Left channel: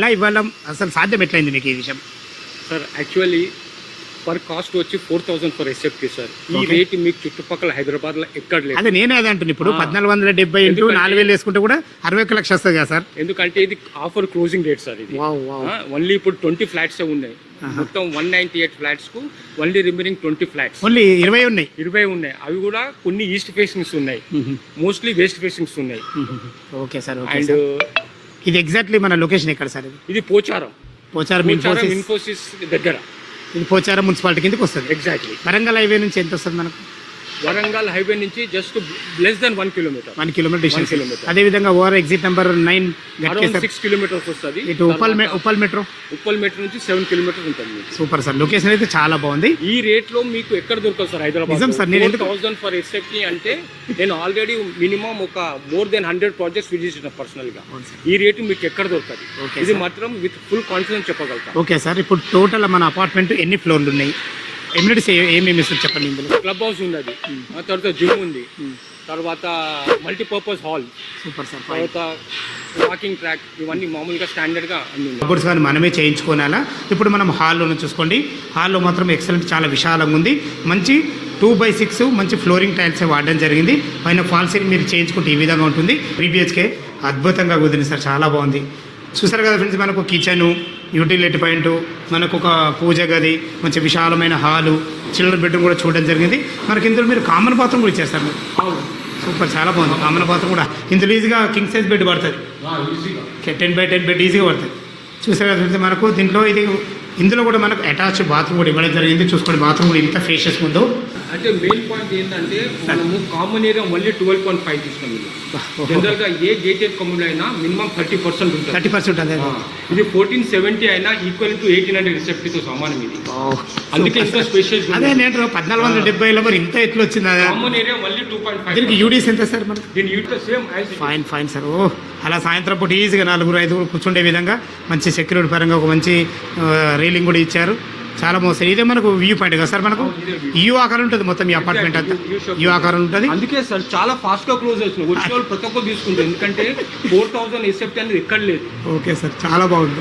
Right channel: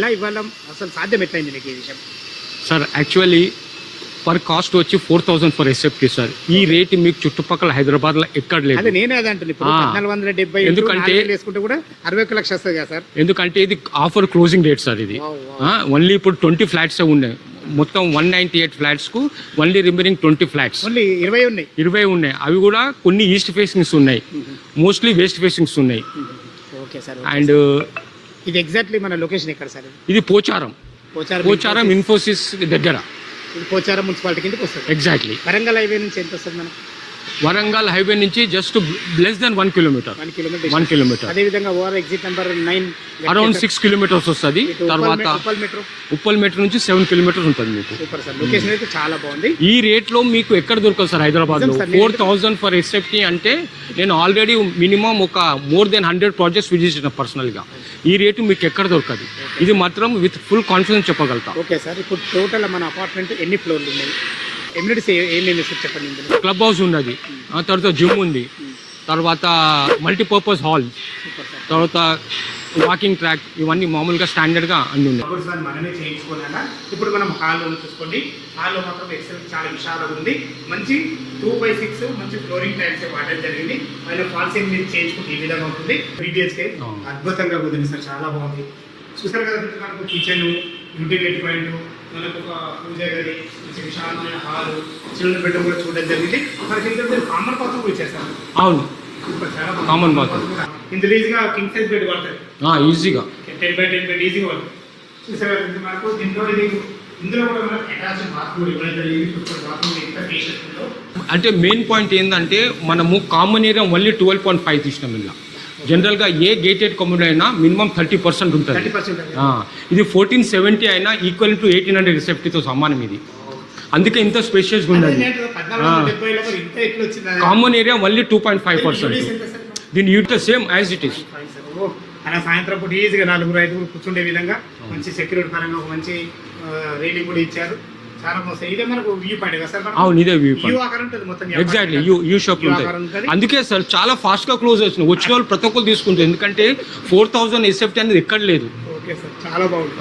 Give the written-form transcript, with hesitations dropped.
ఎలా ఇవ్వడం అసలు సాధ్యం ఎట్లయింది మీకు ఈ విషయం? సార్ యాక్చువల్లీ పర్ కాస్ట్ వచ్చి 4,000 ఫర్ ఎస్ఎఫ్టీ సార్. ఈ రేట్ మీకు చుట్టుపక్కల హైదరాబాద్ లో ఎక్కడ లేదు. అదే నేనే అదే అంటున్నాను. ఇప్పుడు 1470 4,000 వేసుకుంటే కూడా 61 లక్షలు వస్తుంది కదా సార్. ఎందుకంటే ఇది ఆఫర్ క్లోజింగ్ రేట్ సార్. ఇది ఓన్లీ ఇప్పుడు 20 ఫ్లాట్స్ ఉన్నాయి. మొత్తం 198 ఫ్లాట్స్ కు ఓన్లీ రిమైనింగ్ 20 ఫ్లాట్స్ ఓన్లీ 20 ఉన్నాయి. అవి కూడా కొన్ని ఈస్ట్ ఫేసింగ్స్ ఉన్నాయి, మోస్ట్లీ వెస్ట్ ఫేసింగ్స్ ఉన్నాయి. Okay sir. అండ్ ఇది ఎగ్జాక్ట్లీ మన లొకేషన్ ఎక్కడ సార్? ఇది పోచారం ఇన్ఫోసిస్ దగ్గర. ఇది పోచారం మున్సిపాలిటీ కిందకి వస్తుంది. ఎగ్జాక్ట్లీ. వరంగల్ హైవే నుంచి ఎంత వస్తుంది మనకు? వరంగల్ హైవే నుంచి just less than 1 kilometre. 1 kilometre. అదే విధంగా over exit number 9 around 6 kilometres వస్తుంది. ఉప్పల్ మెట్రో నుంచి 7 కిలోమీటర్స్ ఉంటుంది మీకు. Super sir. లొకేషన్ అయితే చాలా బాగుంది. ఈ రేట్ లో మీకు ఎక్కడ దొరకదు సార్ హైదరాబాద్. 4,000 ఫర్ ఎస్ఎఫ్టీ అంటే నేను ఆల్రెడీ మినిమం ఒక మోర్ దెన్ 100 ప్రాజెక్ట్స్ విజిట్ చేసిన పర్సనల్ గా. ఈ రేటు మీకు ఎక్కడ దొరకదు. ఇది మాత్రం విత్ ఫుల్ కాన్ఫిడెన్స్ చెప్పగలుగుతా. Okay sir. ఇప్పుడు టోటల్ మన అపార్ట్మెంట్ ఎన్ని ఫ్లోర్లు ఉన్నాయి? ఎమ్యూనిటీస్ ఏమేమి చెప్పండి. ఇందులో క్లబ్ హౌస్ ఉన్నది, తర్వాత జిమ్ ఉంది, తర్వాత మల్టీపర్పస్ హాల్, సూపర్ సార్, తర్వాత వాకింగ్ ట్రాక్, ఇవన్నీ మామూలుగా స్టాండర్డ్ గా అన్ని ఉన్నాయి. గుడ్స్ కానీ మనమే చేయించుకోనాలా. ఇప్పుడు మనం హాల్లో చూసుకోండి. హాల్లో మాత్రం ఎక్సలెంట్, చాలా విశాలంగా ఉంది. మంచి 2/6 మంచి ఫ్లోరింగ్ టైల్స్ వాడడం జరిగింది. పైన ఫాల్ సీలింగ్ మీరు చేయించుకుంటే ఈ విధంగా ఉంటుంది. 3 BHK అద్భుతంగా కుదిరింది సార్, చాలా బాగుంది. చూసారు కదా ఫ్రెండ్స్, మనకు కిచెను, యూటిలిటీ పాయింట్, మనకు ఒక పూజ గది, మంచి విశాలమైన హాలు, చిల్డ్రన్ బెడ్రూమ్ కూడా చూడడం జరిగింది. మనకి ఇందులో మీరు కామన్ బాత్రూమ్ కూడా ఇచ్చేస్తారు. అవును, సూపర్, చాలా బాగుంది. కామన్ బాత్రూమ్ కూడా ఇందులో ఈజీగా కింగ్ సైజ్ బెడ్ పడుతుంది. ఈజీగా 10x10 బెడ్ ఈజీగా పడుతుంది. చూసారు కదా ఫ్రెండ్స్, మనకు దీంట్లో ఇందులో కూడా మనకు అటాచ్ బాత్రూమ్ కూడా ఇవ్వడం జరిగింది. చూసుకోండి, బాత్రూమ్ కూడా ఇంత ఫేషియస్ ఉందో. అంటే మెయిన్ పాయింట్ ఏంటంటే మనము కామన్ ఏరియా మళ్ళీ 12.5 తీసినాం. ఇలా జనరల్ గా ఏ గేటెడ్ కమ్యూనిటీ అయినా మినిమం 30% ఉంటుంది. 30% అదే. ఇది 1470 అయినా ఈక్వల్ టు 1800 రిసెప్టీతో సమానం ఇది. అందుకే ఇంత స్పేషియస్ ఉంది. 1470లో మరి ఇంత ఎట్లా వచ్చింది? కామన్ ఏరియా మళ్ళీ 2.5%. యూడీస్ ఎంత సార్? మరి దీని UDS same as it is. Fine sir. ఓ, అలా సాయంత్రం పూట ఈజీగా 4-5 కూర్చుండే విధంగా మంచి సెక్యూరిటీ పరంగా ఒక మంచి రైలింగ్ కూడా ఇచ్చారు. చాలా బాగుంది. ఇదే మనకు వ్యూ పాయింట్ కదా సార్? మనకు యూ ఆకారం ఉంటుంది మొత్తం. ఆకారం ఉంటుంది. అందుకే సార్ చాలా ఫాస్ట్ గా క్లోజ్ అవుతుంది. వచ్చిన వాళ్ళు ప్రతి ఒక్కరు తీసుకుంటారు. ఎందుకంటే 4,000 ఎస్ఎఫ్టీ అనేది ఎక్కడ లేదు. ఓకే సార్, చాలా బాగుంది.